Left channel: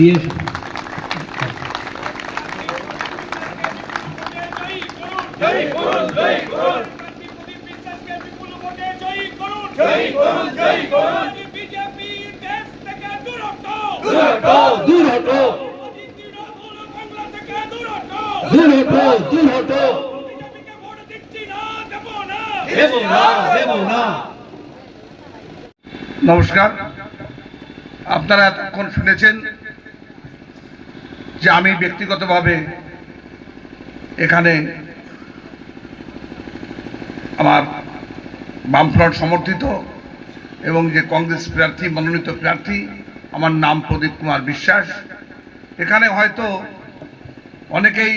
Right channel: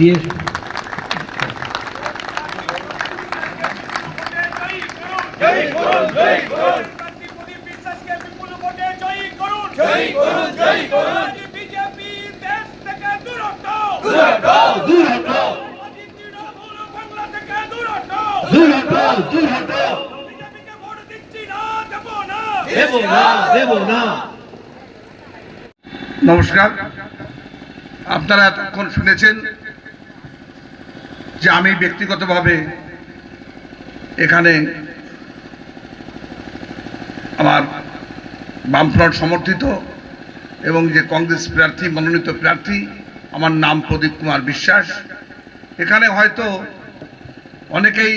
দিয়ে নমস্কার। আপনারা এতক্ষণ শুনেছেন যে আমি ব্যক্তিগতভাবে এখানে আমার বামফ্রন্ট সমর্থিত এবং যে কংগ্রেস প্রার্থী মনোনীত প্রার্থী, আমার নাম প্রদীপ কুমার বিশ্বাস। এখানে হয়তো অনেকেই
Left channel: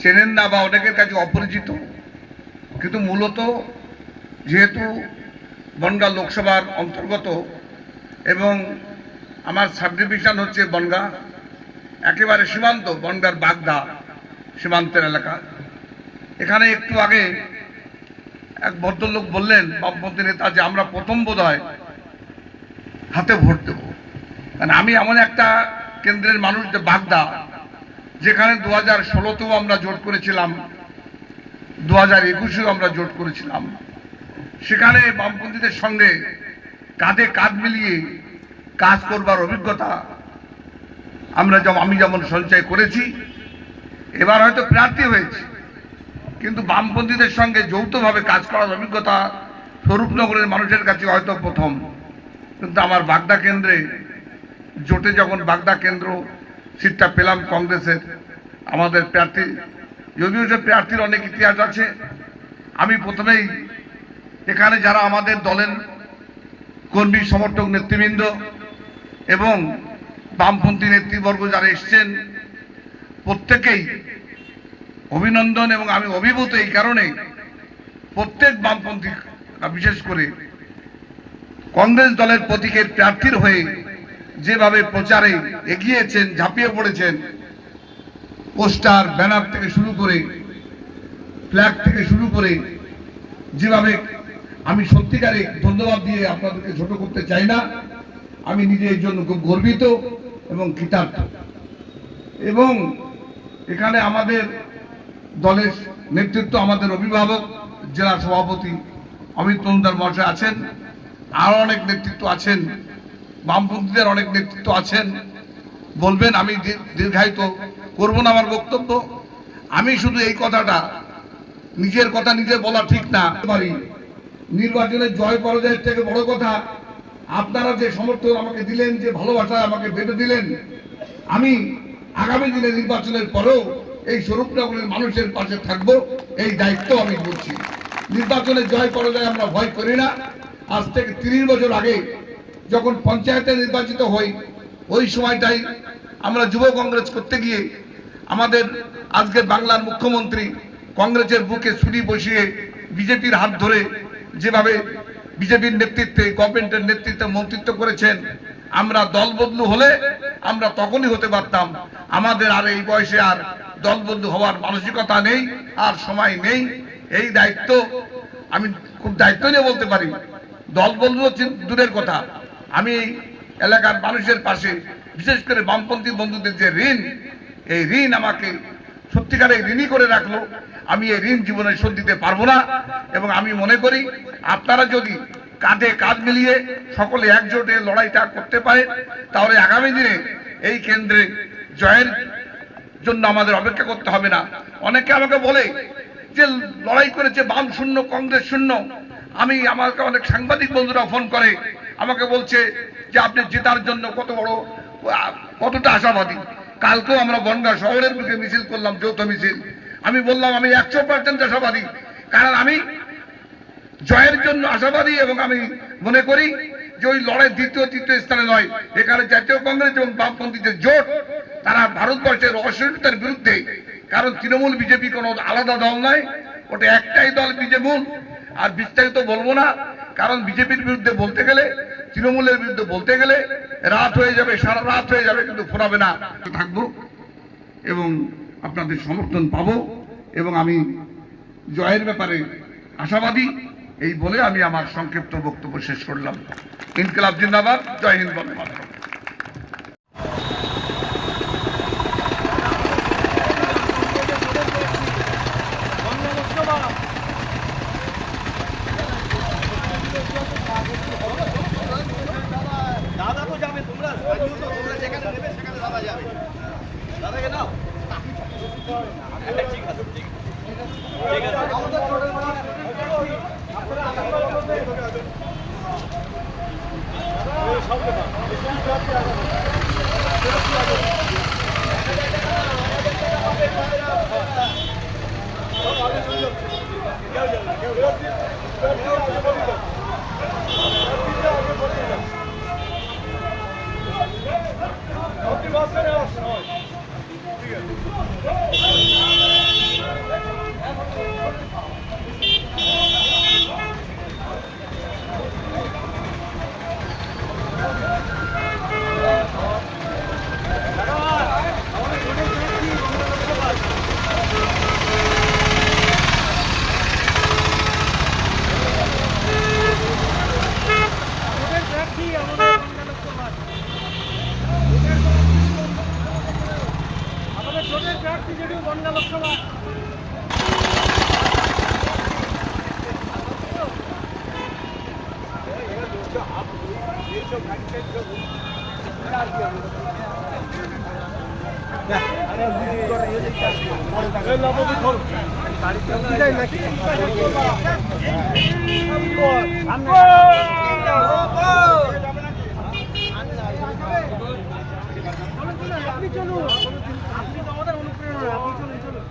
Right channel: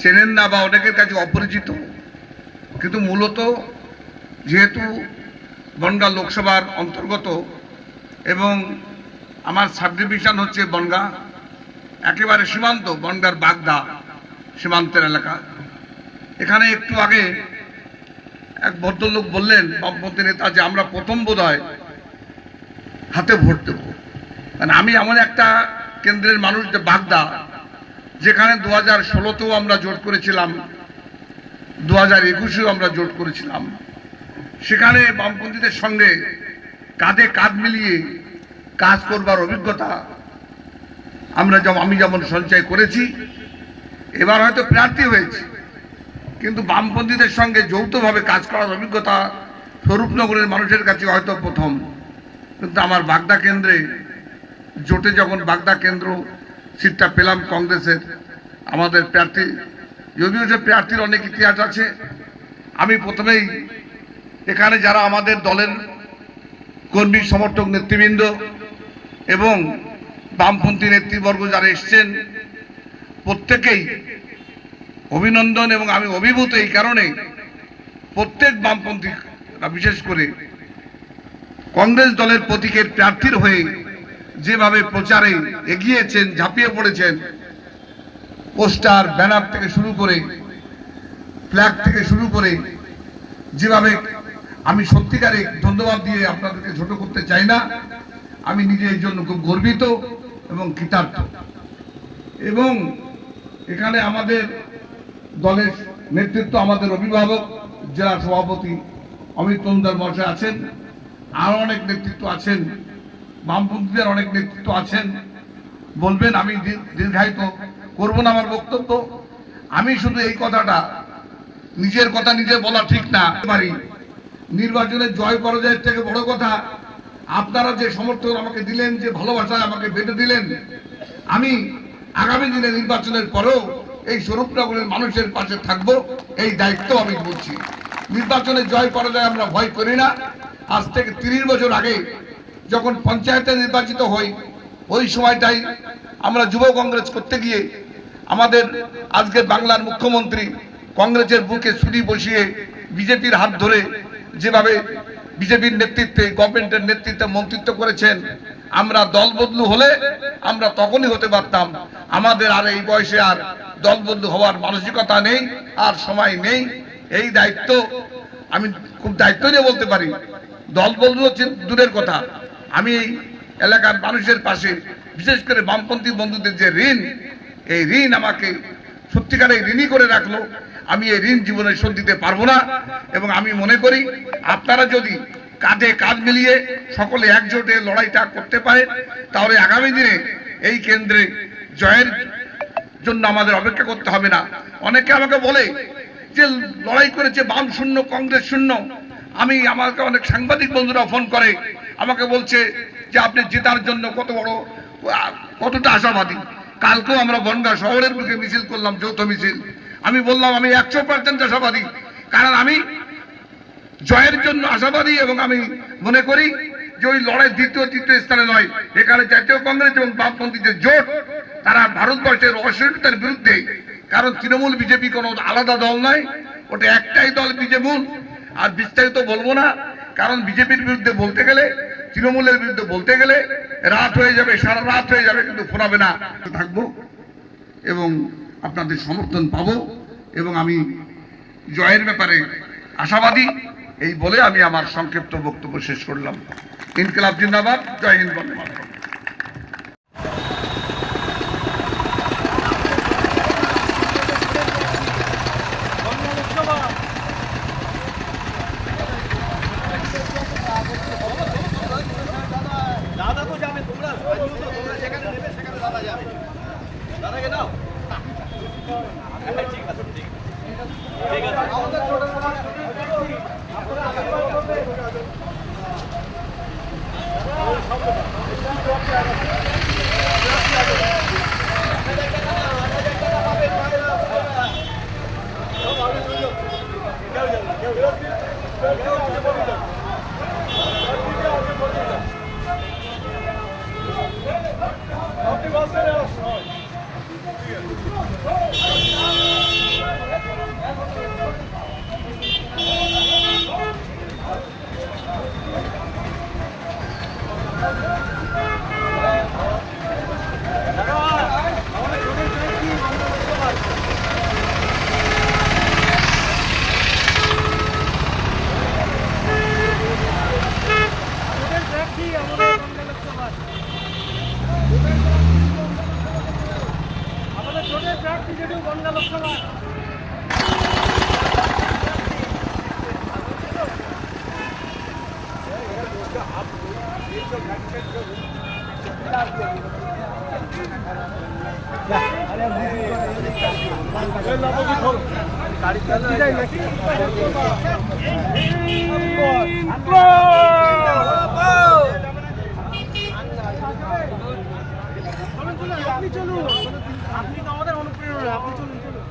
চেনেন না বা অনেকের কাছে অপরিচিত, কিন্তু মূলত যেহেতু বনগাঁ লোকসভার অন্তর্গত এবং আমার সাব ডিভিশন হচ্ছে বনগাঁ, একেবারে সীমান্ত, বনগাঁর বাগদা সীমান্তের এলাকা। এখানে একটু আগে এক ভদ্রলোক বললেন, বামপন্থী নেতা, যে আমরা প্রথম বোধহয় হাতে ভোট দেব। মানে আমি এমন একটা কেন্দ্রের মানুষ, যে বাগদা, যেখানে 2016তেও আমরা জোট করেছিলাম, 2021এও আমরা জোট করেছিলাম। সেখানে বামপন্থীদের সঙ্গে কাঁধে কাঁধ মিলিয়ে কাজ করবার অভিজ্ঞতা আমি যেমন সঞ্চয় করেছি, এবার হয়তো প্রার্থী হয়েছি, কিন্তু বামপন্থীদের সঙ্গে যৌথভাবে কাজ করার অভিজ্ঞতা স্বরূপনগরের মানুষের কাছে হয়তো প্রথম। কিন্তু আমার বাগদা কেন্দ্রে জোটে যখন বাগদা কেন্দ্র সিটটা পেলাম কংগ্রেসের, আমাদের প্রার্থী, যদিও যে প্রার্থীর অনেক ইতিহাস আছে, আমি প্রথমেই এখানে যারা আমাদের দলের কর্মী সমর্থক নেতৃবৃন্দ এবং বামপন্থী নেতৃবর্গ যারা এসছেন, প্রত্যেকেই অভিনন্দন। এবং আমি অভিভূত এই কারণে, প্রত্যেক বামপন্থী, বিশেষ করে কংগ্রেস দলের প্রতীকের প্রার্থীর হয়ে যেভাবে প্রচারে এগিয়েছেন, ঝাঁপিয়ে পড়েছেন, পোস্টার, ব্যানার থেকে শুরু করে, ফ্ল্যাগ থেকে শুরু করে, যেভাবে, আমি সত্যিকারে ধন্যবাদ দিয়ে আপনাদেরকে ছোট করতে চাই না। আমি নিজে এই জন্য খুব গর্বিত এবং কৃতার্থ। এবং এখানে আমাদের দলের নেতৃত্ব, আমাদের অভিভাবক জেলা সভাপতি অমিত মজুমদার মহাশয় আছেন, আরো অনেক নেতৃত্ব আছেন, বামপন্থীদের অনেক নেতৃত্ব আছেন। বলবেন, আমি দীর্ঘায়িত করব না আমার বক্তব্য। আমি শুধু এই কথাটা, নিজের কথা নিজে বলা ঠিক না পারি, নির্বাচনের জয় পরাজয়ের থেকে বড় কথা আপনারা যে সমর্থন আমাকে দিলেন, যে ভালোবাসা আমাকে বেঁধে দিলেন, আমি আগামী দিনে নির্বাচনের পরেও এই স্বরূপনগরের মানুষের পাশে থাকবো, এই দায়িত্ব আমি বলছি। নির্বাচনের জয় পরাজয় আমরা ভয় করি না। আজ থেকে 30 বছর আগে যখন পঞ্চায়েতে নির্বাচিত হই, ওই সময়টাই আমরা যুব কংগ্রেস করতে গিয়ে আমাদের আজকের বাংলার মুখ্যমন্ত্রী কংগ্রেসের বুকে ছুরি বসিয়ে বিজেপির হাত ধরে যেভাবে বিজেপির নেতৃত্বে, গভর্নমেন্টের নেতৃত্বে মন্ত্রিত্ব করেছেন, আমরা দল বদলু হলে আমরা তখনই হতে পারতাম। আমাদের আর এই বয়সে আর দল বদলু হওয়ার মানসিকতা নেই, আর সময় নেই। এই দায়িত্ব আমি খুব দায়িত্ব নিয়ে বলতে পারি। দল বদলু হচ্ছে দূরের কথা, আমি এই এলাকার মানুষের পাশে, বিশেষ করে বামপন্থী বন্ধুদের যে ঋণ, এই ঋণ আমাকে সত্যিকারে ঋণী করে রাখলো। আমি এই ঋণ জীবনে শোধ দিতে পারবো না। এবং আমি মনে করি আপনারা যদি কাঁধে কাঁধ মিলিয়ে সকলে একজোটে লড়াইটা করতে পারে, তাহলে আগামী দিনে এই কেন্দ্রে জয়ের জন্য আমাদের অপেক্ষা করতে হবে না। অনেকে আমাকে বলে যে লড়াই করেছে বাম শূন্য, কংগ্রেস শূন্য। আমাকে অনেক সাংবাদিক বন্ধুরা ফোন করে, আমাকে বলছে যে আপনি জেতার জন্য কতটা আশাবাদী। কালকেও আমরা বনগাঁ শহরের বুকে মিছিল করলাম, যৌথ মিছিল। আমি বললাম আমি 100% আশাবাদী, কারণ আমি জয়ের জন্য আশাবাদী। এবং আমি মনে করি যে ওই লড়াই দ্বিতীয় তৃতীয় স্থানে নয়, এখানে জাতীয় কংগ্রেস এবং বামপন্থীদের জোট, তারা ভারতবর্ষের অসহিষ্ণুতার বিরুদ্ধে। কারণ তৃণমূল বিজেপি কোনো আলাদা দল নয়, ওটা একটাই দল বিজেপি। আর বিস্তারিত বলবো না, কারণ বিজেপির বিরুদ্ধে বলতে গেলে, তৃণমূলের বিরুদ্ধে বলতে গেলে রাত হয়ে যাবে, সারা রাত হয়ে যাবে, কিন্তু ফোরাবে না। থাকবো এবং আপনাদের সমর্থন পাবো, এবং আমি জয়ের ব্যাপারে আশাবাদী। এই বলে আমি আমার সংক্ষিপ্ত বক্তব্য শেষ করলাম। ইনকিলাব জিন্দাবাদ, জয় হিন্দ, বন্দে মাতরম। যাবে তোমরা স্থানীয় তো, তোমরা যেখানে নেবে সেখানে দাদা যাবে। দাদাকে নাও। ঠিক আছে, ঠিক আছে। আমাদের টোটাল আপনারা আশীর্বাদ করবেন। আমাদের ছোটের প্রার্থী যেটু বনগা লোকসভা আপনি চলুন, আপনি তো আমাদের অনুপ্রেরণা, আপনি চলুন চলুন।